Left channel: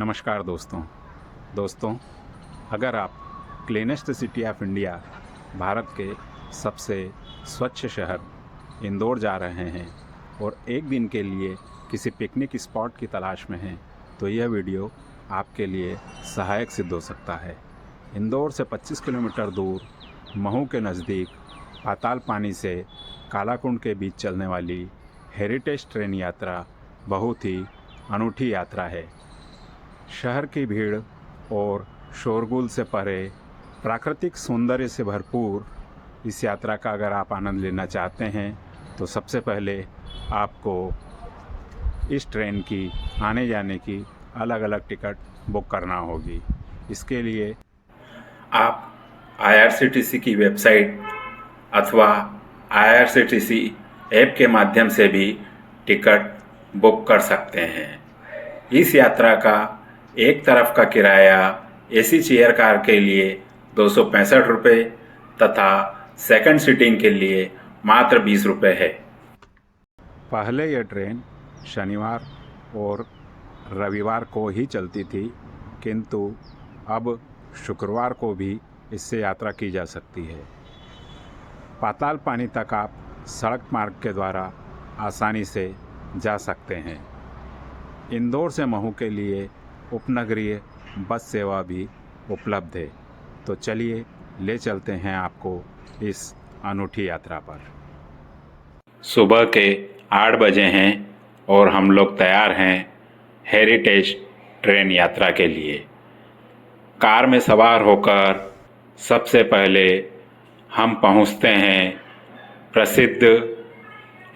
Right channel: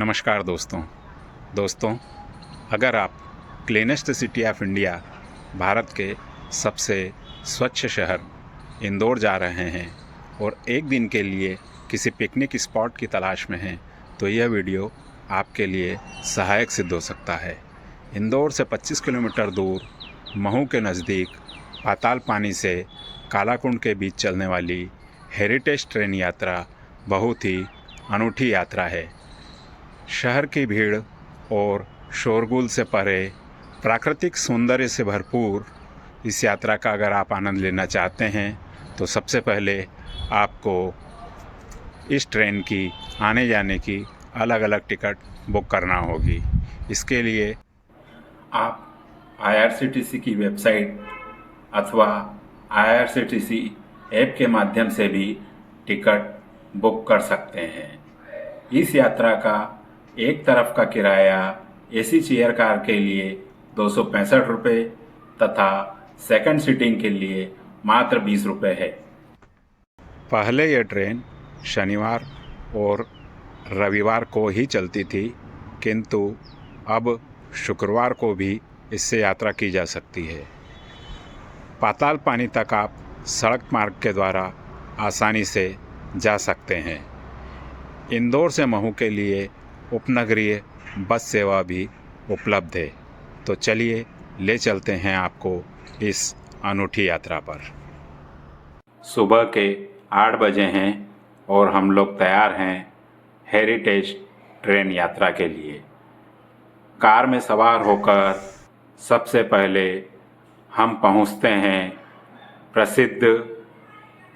नमस्कार दोस्तों, अगर आप cleanest city of India Bharat के सबसे स्वच्छ शहर इंदौर जा रहे हैं और एक दिन के लिए किसी पिकनिक स्पॉट की तलाश में हैं तो यह वीडियो आपके लिए सहायक सिद्ध हो सकता है। इंदौर से 25 किलोमीटर दूर महू के नज़दीक पाताल पानी से कालाकुंड के बीच चलने वाली हेरिटेज ट्रेन यात्रा बहुत ही अनूठी यात्रा है। शहर की भीड़ और शोरगुल से परे प्राकृतिक सौंदर्य से भरपूर इस यात्रा का अगर आप आनंद लेना चाहते हैं तो सबसे पहले आपको इस ट्रेन की आने जाने की अलग अलग टिकट बुक करना होगी। इसके लिए आप IRCTC की वेबसाइट अथवा IRCTC ऐप के माध्यम से भी टिकट बुक कर सकते हैं। इस यात्रा का एक तरफ का किराया AC चेयर कार के लिए 265 रुपये तथा सेकंड सीटिंग के लिए मात्र 20 रुपये है। पहले यह ट्रेन शनिवार और रविवार को ही चलती थी, किंतु अब शुक्रवार को भी इससे यात्रा की जा सकती है। पाताल पानी तक आप सड़क मार्ग के द्वारा आसानी से जा सकते हैं। इंदौर से महू के लिए उपनगरीय बस सेवा भी उपलब्ध है। तो चलिए ले चलते हैं आपको इस अनूठी यात्रा पर। सुबह के 8 बजे हैं और हम लोग तैयार हैं हेरिटेज ट्रेन यात्रा के लिए। कार में सवार होकर सबसे पहले हम पहुंचते हैं प्रसिद्ध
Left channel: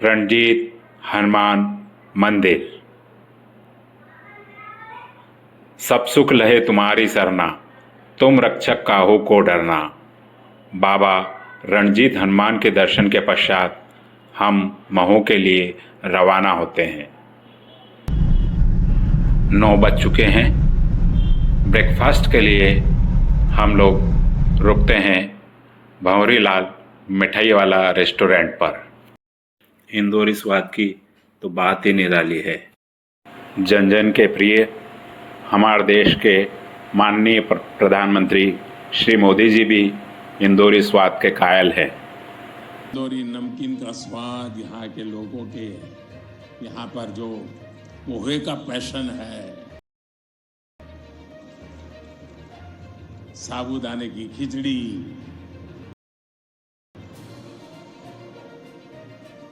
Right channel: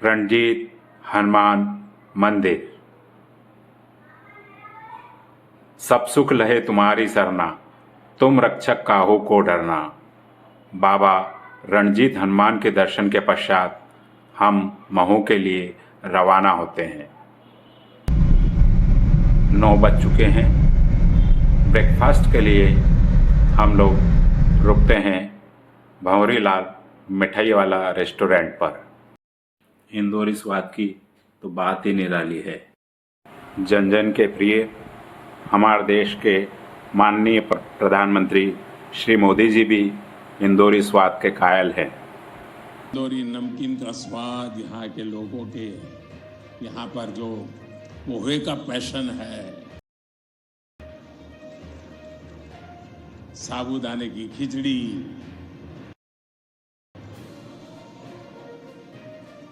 रणजीत हनुमान मंदिर। सब सुख लहे तुम्हारी सरना, तुम रक्षक काहू को डरना। बाबा रणजीत हनुमान के दर्शन के पश्चात हम महू के लिए रवाना होते हैं। 9 बज चुके हैं। ब्रेकफास्ट के लिए हम लोग रुकते हैं भंवरी लाल मिठाई वाला रेस्टोरेंट पर। इंदौरी स्वाद की तो बात ही निराली है। जन जन के प्रिय हमारे देश के माननीय प्रधानमंत्री श्री मोदी जी भी इंदौरी स्वाद के कायल हैं। इंदौरी नमकीन का स्वाद, यहाँ के लोगों के यहाँ पर जो पोहे का पैशन है, साबूदाने की खिचड़ी,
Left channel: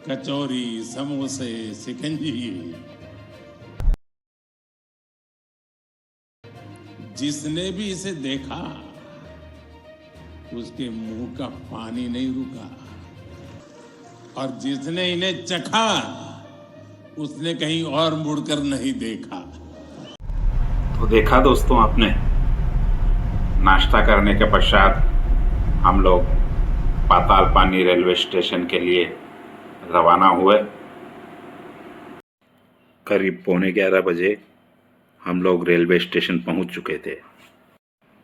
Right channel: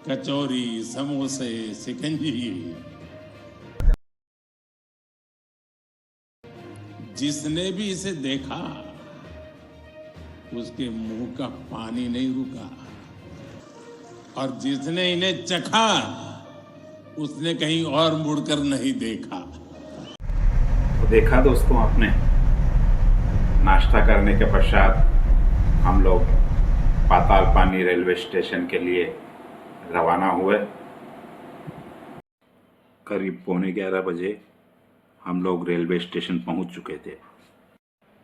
कचौरी, समोसे, शिकंजी, जिसने भी इसे देखा उसके मुंह का पानी नहीं रुका और जिसने इन्हें चखा उसने कहीं और मुड़कर नहीं देखा। तो देखा दोस्तों आपने, नाश्ता करने के पश्चात हम लोग पाताल पानी रेलवे स्टेशन के लिए रवाना हुए। करीब 11:15 बजे हम लोग रेलवे स्टेशन पहुंच चुके थे।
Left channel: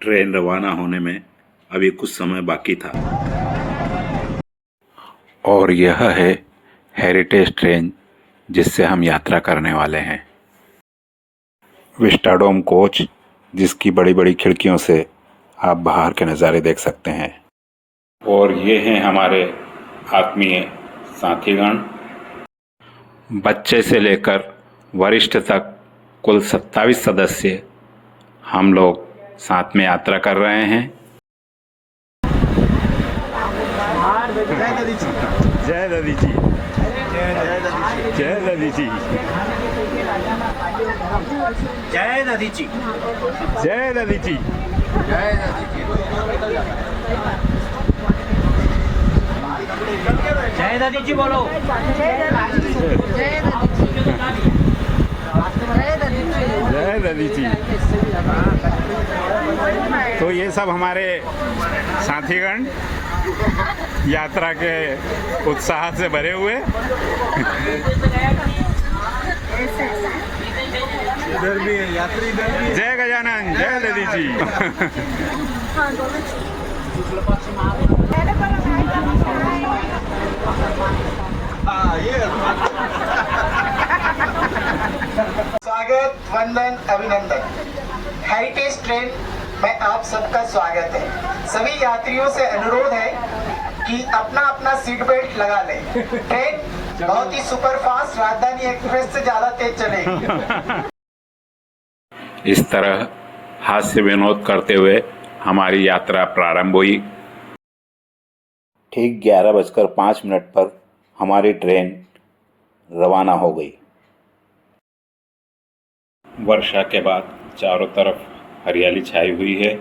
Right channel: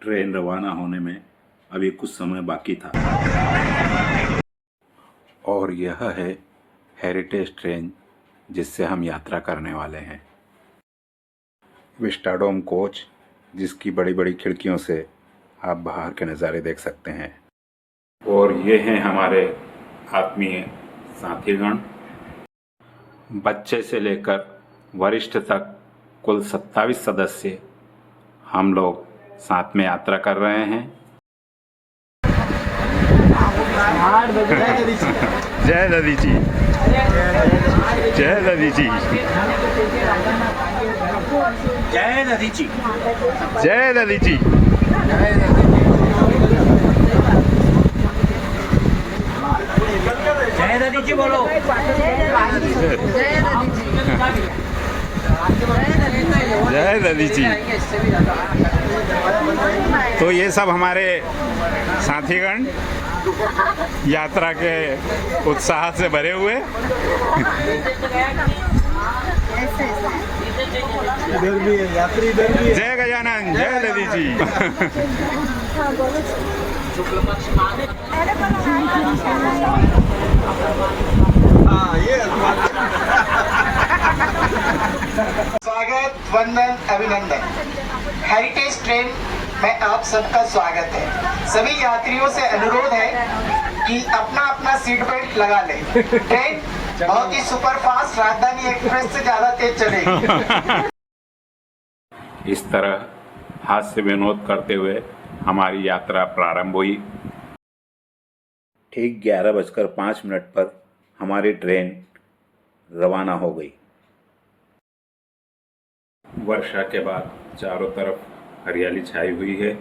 ट्रेन रवाना होने में अभी कुछ समय बाकी था और यह है हेरिटेज ट्रेन जिससे हम यात्रा करने वाले हैं। विस्टाडोम कोच, जिसकी बड़ी बड़ी खिड़कियों से आप बाहर के नज़ारे देख सकते हैं। और ये हैं हमारे आत्मीय साथीगण। बच्चे से लेकर वरिष्ठ तक कुल 27 सदस्य हम लोग साथ में यात्रा कर रहे हैं। जय दादी जी, जय दादी जी, जय दादी जी, जय दादी जी। जय दादी जी बोलो। जय दादी जी। तो ये सब हमारे साथीगण यात्रा के उत्साह से भरे हुए। जय गजानन, जय दादी जी। स्वागत स्वागत, वंदन, अभिनंदन। हेरिटेज ट्रेन में आप सबका स्वागत है। सभी यात्रियों से अनुरोध है कि अपना अपना सीट बेल्ट लगा लें। ट्रेन बहुत ही सुपर फास्ट राजधानी एक्सप्रेस से ज्यादा तेज चलेगी। इस तरह हास्य विनोद करते हुए हमारी यात्रा प्रारंभ हुई। ठीक 11:05 पर हमारी ट्रेन रवाना हो गई। वर्षा के बाद चारों तरफ हरियाली छाई हुई है।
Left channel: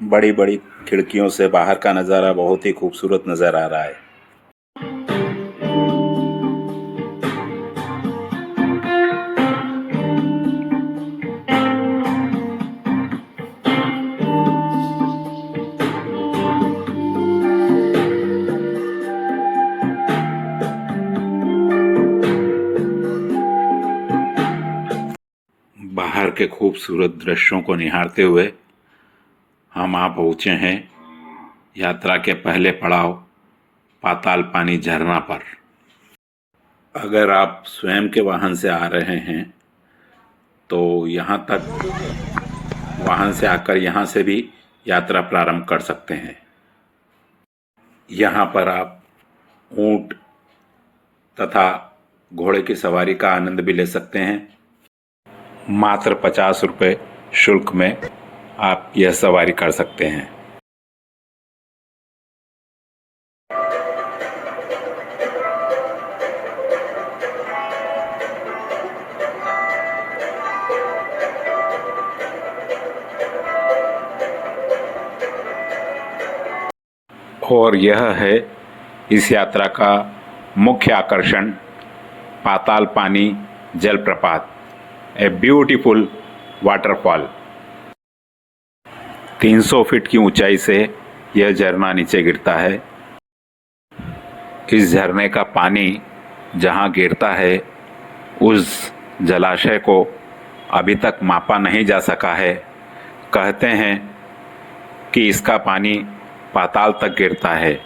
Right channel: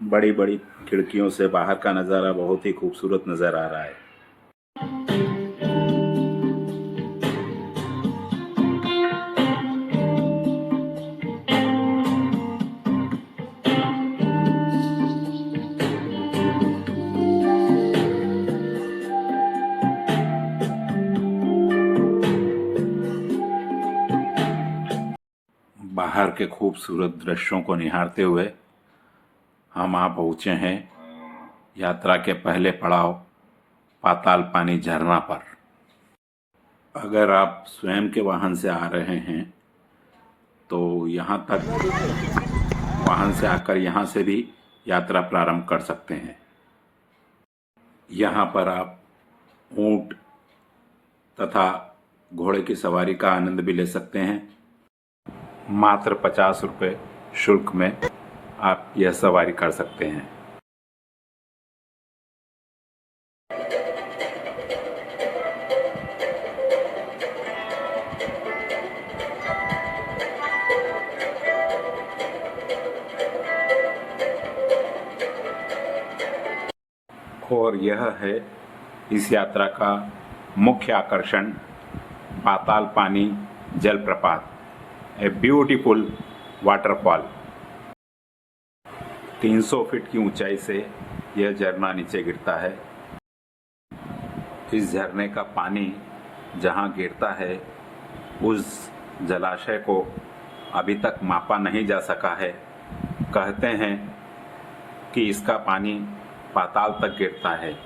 बड़ी बड़ी खिड़कियों से बाहर का नज़ारा बहुत ही खूबसूरत नज़र आ रहा है। बाहर के खूबसूरत दृश्यों को निहारते हुए हम आ पहुँचे हैं यात्रा के पहले पड़ाव पाताल पानी झरना पर। अगर आप स्वयं के वाहन से आ रहे हैं तो यहाँ तक वाहन से आकर यहाँ से भी यात्रा प्रारंभ कर सकते हैं। यहाँ पर आप ऊंट तथा घोड़े की सवारी का आनंद भी ले सकते हैं। मात्र 50 रुपये शुल्क में आप यह सवारी कर सकते हैं। और यह है इस यात्रा का मुख्य आकर्षण पाताल पानी जलप्रपात, ए ब्यूटीफुल वाटरफॉल। 300 फीट की ऊंचाई से यह झरना नीचे गिरता है। इस झरने का पानी जहां गिरता है उस जलाशय को अभी तक मापा नहीं जा सका है। कहते हैं कि इसका पानी पाताल तक गिरता है,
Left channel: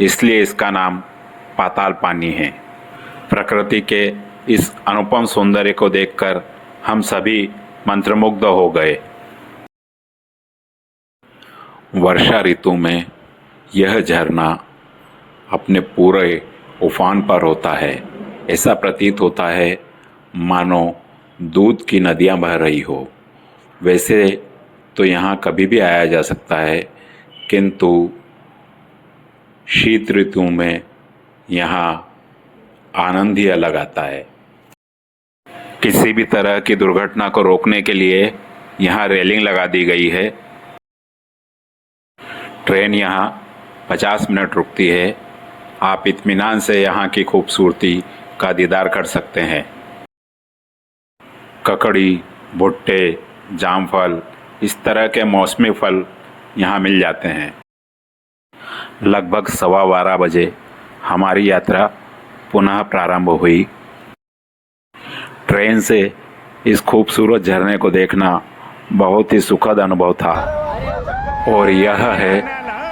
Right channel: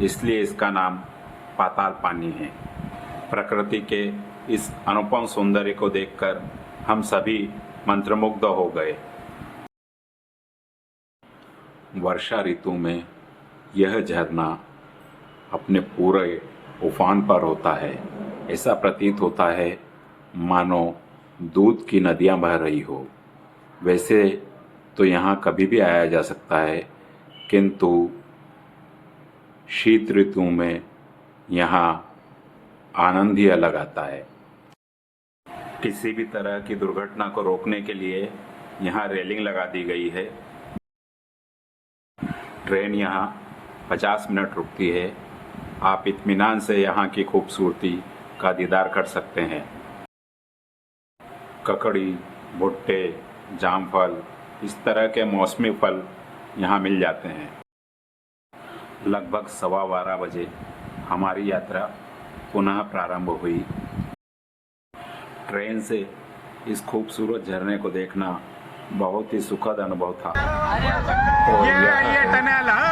इसलिए इसका नाम पाताल पानी है। प्रकृति के इस अनुपम सौंदर्य को देखकर हम सभी मंत्रमुग्ध हो गए। वर्षा ऋतु में यह झरना अपने पूरे उफान पर होता है। ऐसा प्रतीत होता है मानो दूध की नदियां बह रही हो। वैसे तो यहाँ कभी भी आया जा सकता है, किंतु शीत ऋतु में यहाँ आनंद ही अलग आता है। किसी भी तरह की दुर्घटना को रोकने के लिए यहाँ रेलिंग लगा दी गई है। ट्रेन यहाँ 50 मिनट रुकती है। आप इत्मीनान से यहाँ की खूबसूरती का दीदार कर सकते हैं। ककड़ी, भुट्टे, जामफल, इस तरह के मौसमी फल यहाँ मिल जाते हैं। लगभग 12:15 बजे हमारी यात्रा पुनः प्रारंभ हुई। ट्रेन से इस खूबसूरत झरने को देखना बहुत ही सुखद अनुभव था। और यह है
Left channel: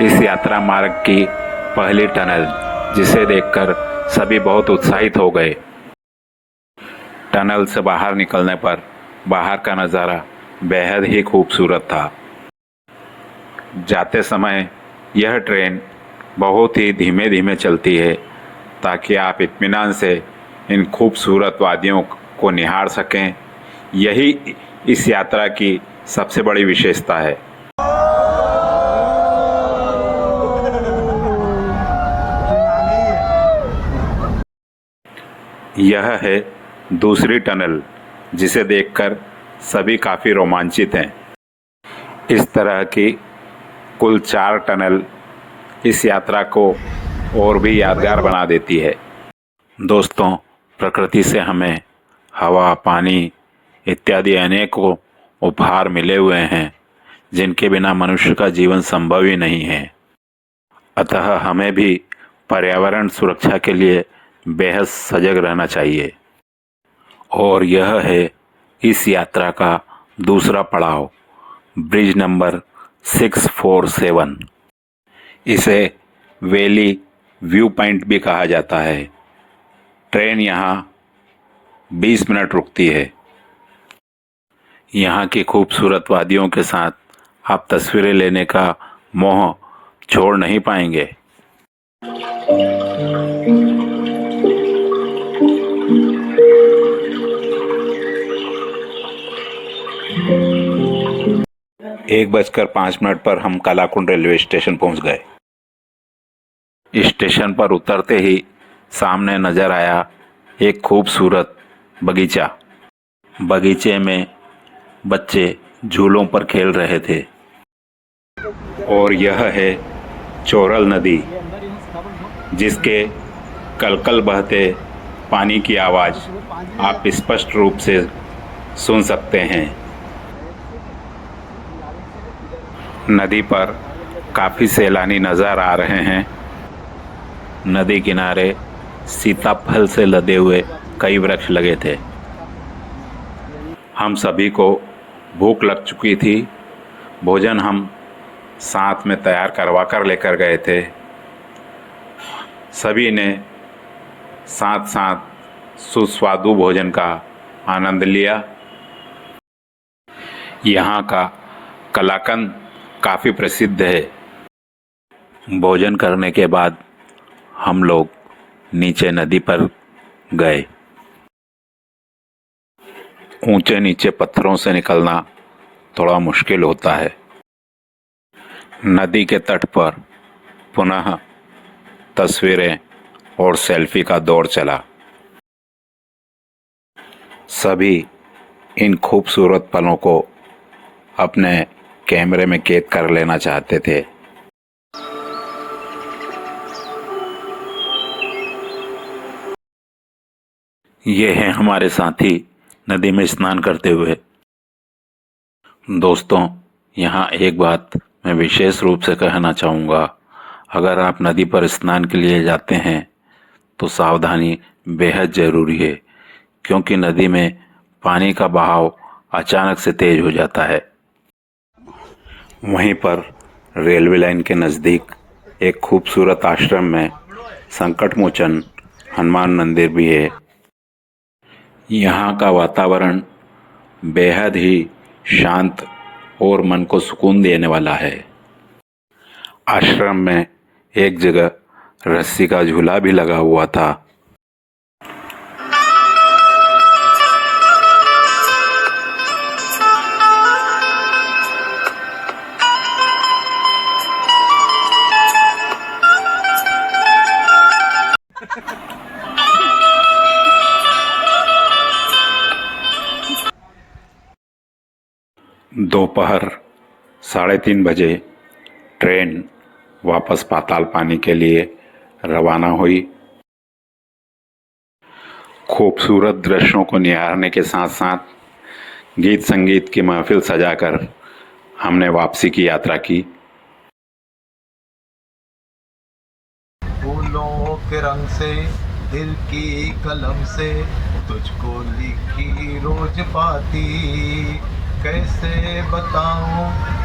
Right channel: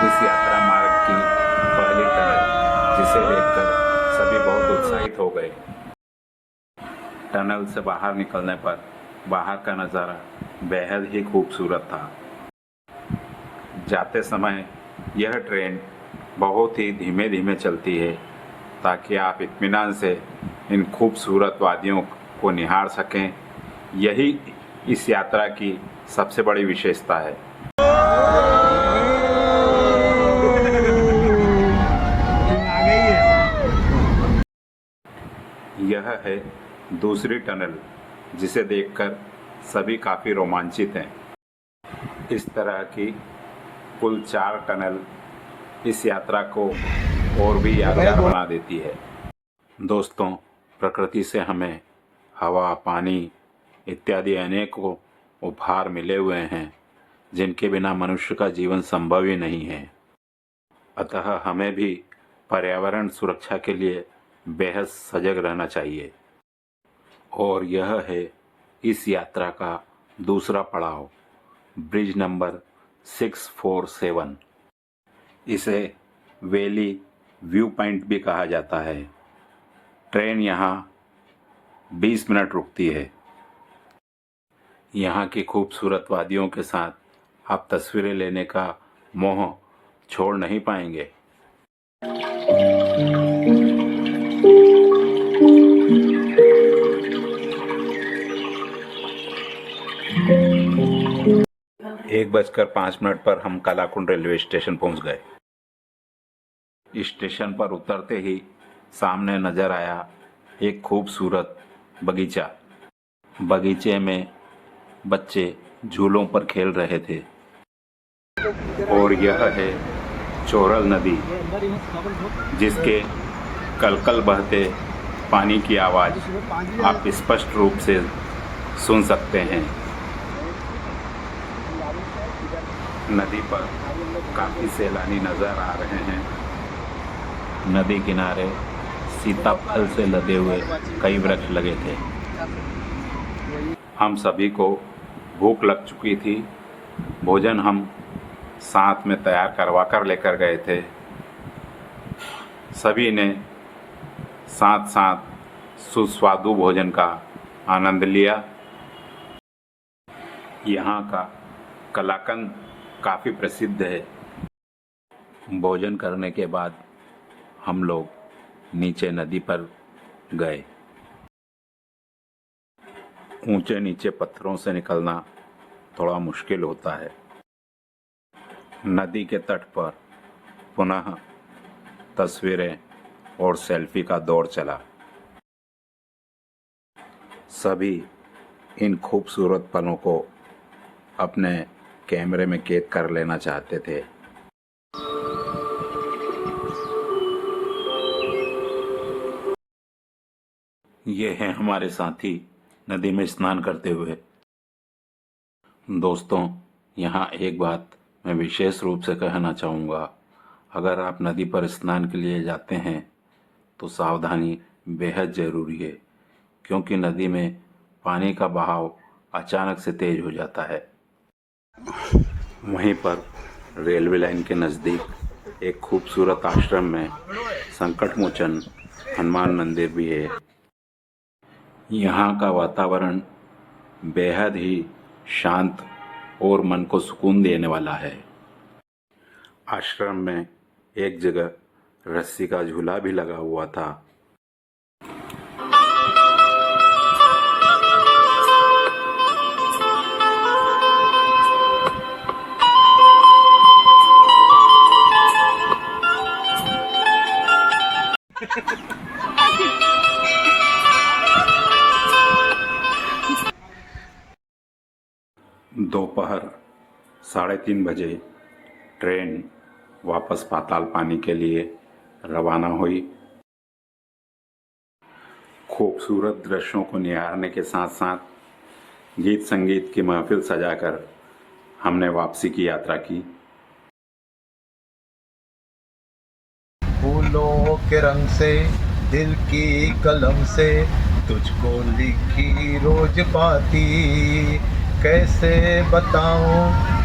इस यात्रा मार्ग की पहली टनल, जिसे देखकर सभी बहुत उत्साहित हो गए। टनल से बाहर निकलने पर बाहर का नज़ारा बेहद ही खूबसूरत था। जाते समय यह ट्रेन बहुत ही धीमे धीमे चलती है ताकि आप इत्मीनान से इन खूबसूरत वादियों को निहार सकें। यही इस यात्रा की सबसे बड़ी विशेषता है। यह है दूसरी टनल, जिसे देखकर सभी काफ़ी रोमांचित हैं। इस तरह की कुल 4 टनल इस यात्रा को और भी यादगार बना देती है। दोस्तों, प्रकृति से हमें हवा, पानी इत्यादि अनेकों उपहार मिले हुए हैं, जिनके बिना मनुष्य का जीवन संभव ही नहीं है। अतः हमें भी पर्यावरण सुरक्षा के लिए बेहद सजग रहना चाहिए। और यह है इस यात्रा का दूसरा पड़ाव, ब्रिज नंबर 647। इसे वैली व्यू पॉइंट भी कहा जाता है। ट्रेन यहाँ 20 मिनट रुकती है। यहाँ की खूबसूरत वादियों के साथ आप तस्वीरें लेने का मोह छोड़ नहीं पाएंगे। एक 1:05 पर हम कालाकुंड रेलवे स्टेशन पहुंच गए। स्टेशन पर उतरते ही सामने नजर आया एक खूबसूरत बगीचा। बगीचे में बच्चे झूलों पर खेल रहे थे और यह है चोरल नदी, जिसके कलकल बहते पानी की आवाज़ आप स्पष्ट रूप से सुन सकते हैं। नदी पर काफ़ी सैलानी नज़र आ रहे हैं। नदी किनारे सीताफल से लदे हुए कई वृक्ष लगे थे। हम सभी को भूख लग चुकी थी। भोजन हम साथ में तैयार करवा कर लेकर गए थे। सभी ने साथ साथ सुस्वादु भोजन का आनंद लिया। यहाँ का कलाकंद काफ़ी प्रसिद्ध है। भोजन करने के बाद हम लोग नीचे नदी पर गए। ऊंचे नीचे पत्थरों से निकलना थोड़ा मुश्किल होता है। नदी के तट पर पुनः तस्वीरें और सेल्फी का दौर चला। सभी इन खूबसूरत पलों को अपने कैमरे में कैद कर लेना चाहते थे। ये हैं हमारे साथी नदी में स्नान करते हुए। दोस्तों, यहाँ एक बात मैं विशेष रूप से कहना चाहूँगा। अगर आप नदी पर स्नान के लिए जाते हैं तो सावधानी बेहद ज़रूरी है, क्योंकि नदी में पानी का बहाव अचानक से तेज हो जाता है। वहीं पर रेलवे लाइन के नज़दीक एक खूबसूरत आश्रम में संकट मोचन हनुमान मंदिर भी है। यहाँ का वातावरण बेहद ही शांत और मन को सुकून देने वाला है। आश्रम में एक जगह रस्सी का झूला भी लगा हुआ था। दोपहर 3:30 बजे ट्रेन वापस पाताल पानी के लिए रवाना हुई। खूबसूरत दृश्यों को निहारने के साथ साथ गीत संगीत की महफिल सजाकर हमने वापसी की यात्रा की। फूलों के रंग से, दिल की कलम से तुझको लिखी रोज पाती, कैसे बताऊं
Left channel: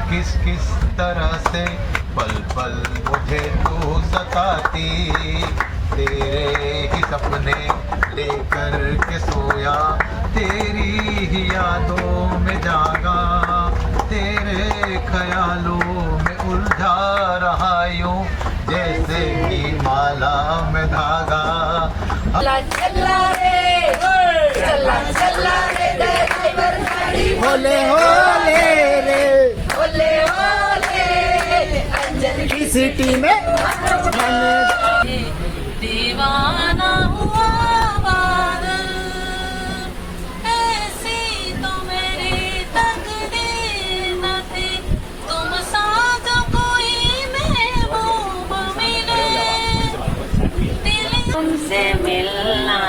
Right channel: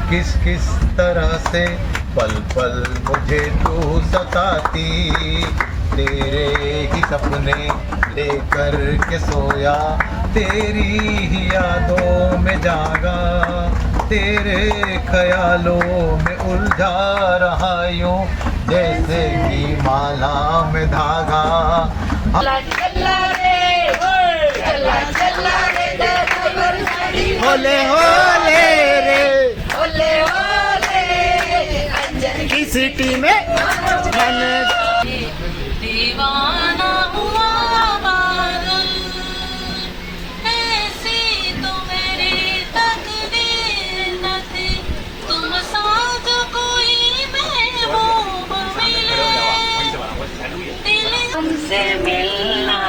किस किस तरह से पल पल मुझे तू सताती। तेरे ही सपने लेकर के सोया, तेरी ही यादों में जागा, तेरे ख्यालों में उलझा रहा यूं जैसे कि माला में धागा। होले होले रे, होले होले की सिटी में मन दीवाना हुआ पागल, ऐसी तो मेरी तकदीर न थी, तुम सा जो कोई महबूब मिले, दिल तुमसे मिलना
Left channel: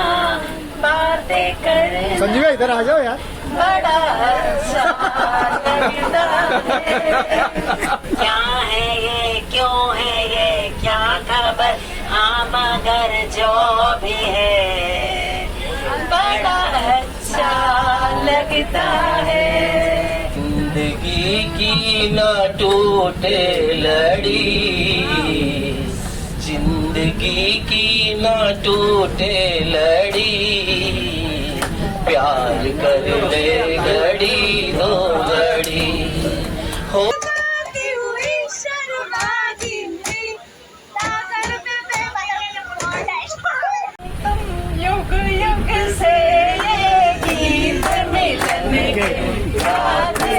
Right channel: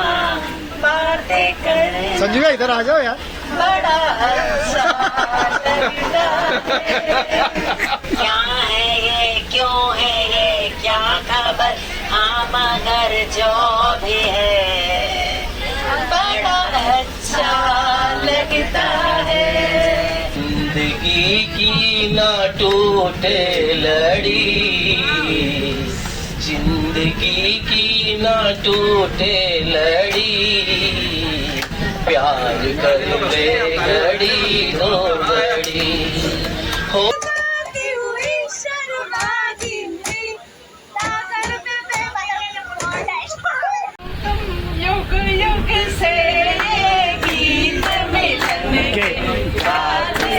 बातें करे। संजीव इधर आ जाओ यार। बड़ा अच्छा लगता है। क्या है ये, क्यों है ये, क्या खबर, हाँ मगर जो भी है बड़ा अच्छा लगता है। जिंदगी की ना टूटे लड़ी, जिंदगी की ना टूटे लड़ी, प्यार कर ले घड़ी दो घड़ी हो युग युग से ये गीत मिलन के गाते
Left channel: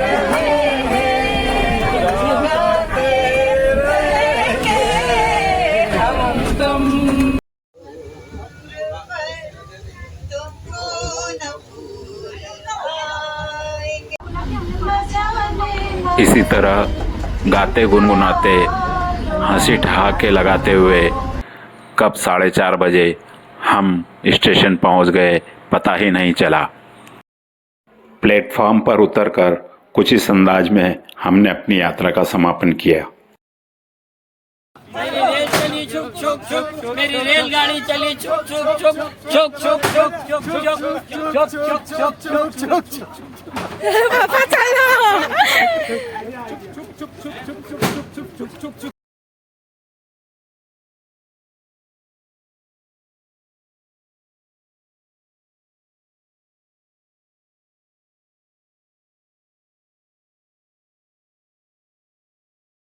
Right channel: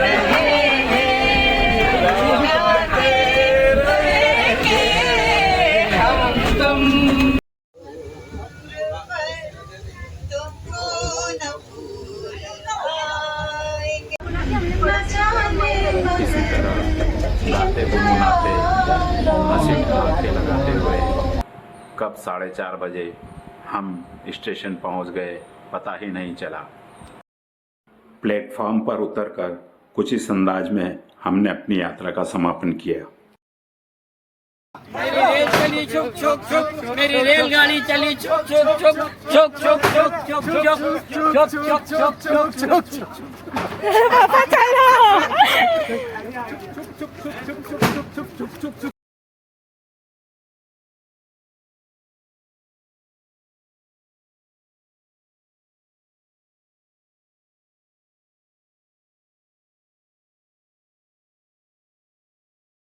रहे हैं, गाते रहेंगे हम तुम। तुमको न भूल पाएंगे, न जाने इसी तरह गाते गुनगुनाते हंसी ठहाके लगाते हुए कब 4:30 बजे हम स्टेशन पहुंच गए पता ही नहीं चला। प्लेटफॉर्म पर उतरकर कुछ इस अंदाज में हमने अपनी यात्रा का समापन किया। मेरी रेल चली छुक छुक छुक, मेरी रेलगाड़ी चली छुक छुक छुक छुक छुक छुक छुक छुक छुक छुक छुक छुक छुक।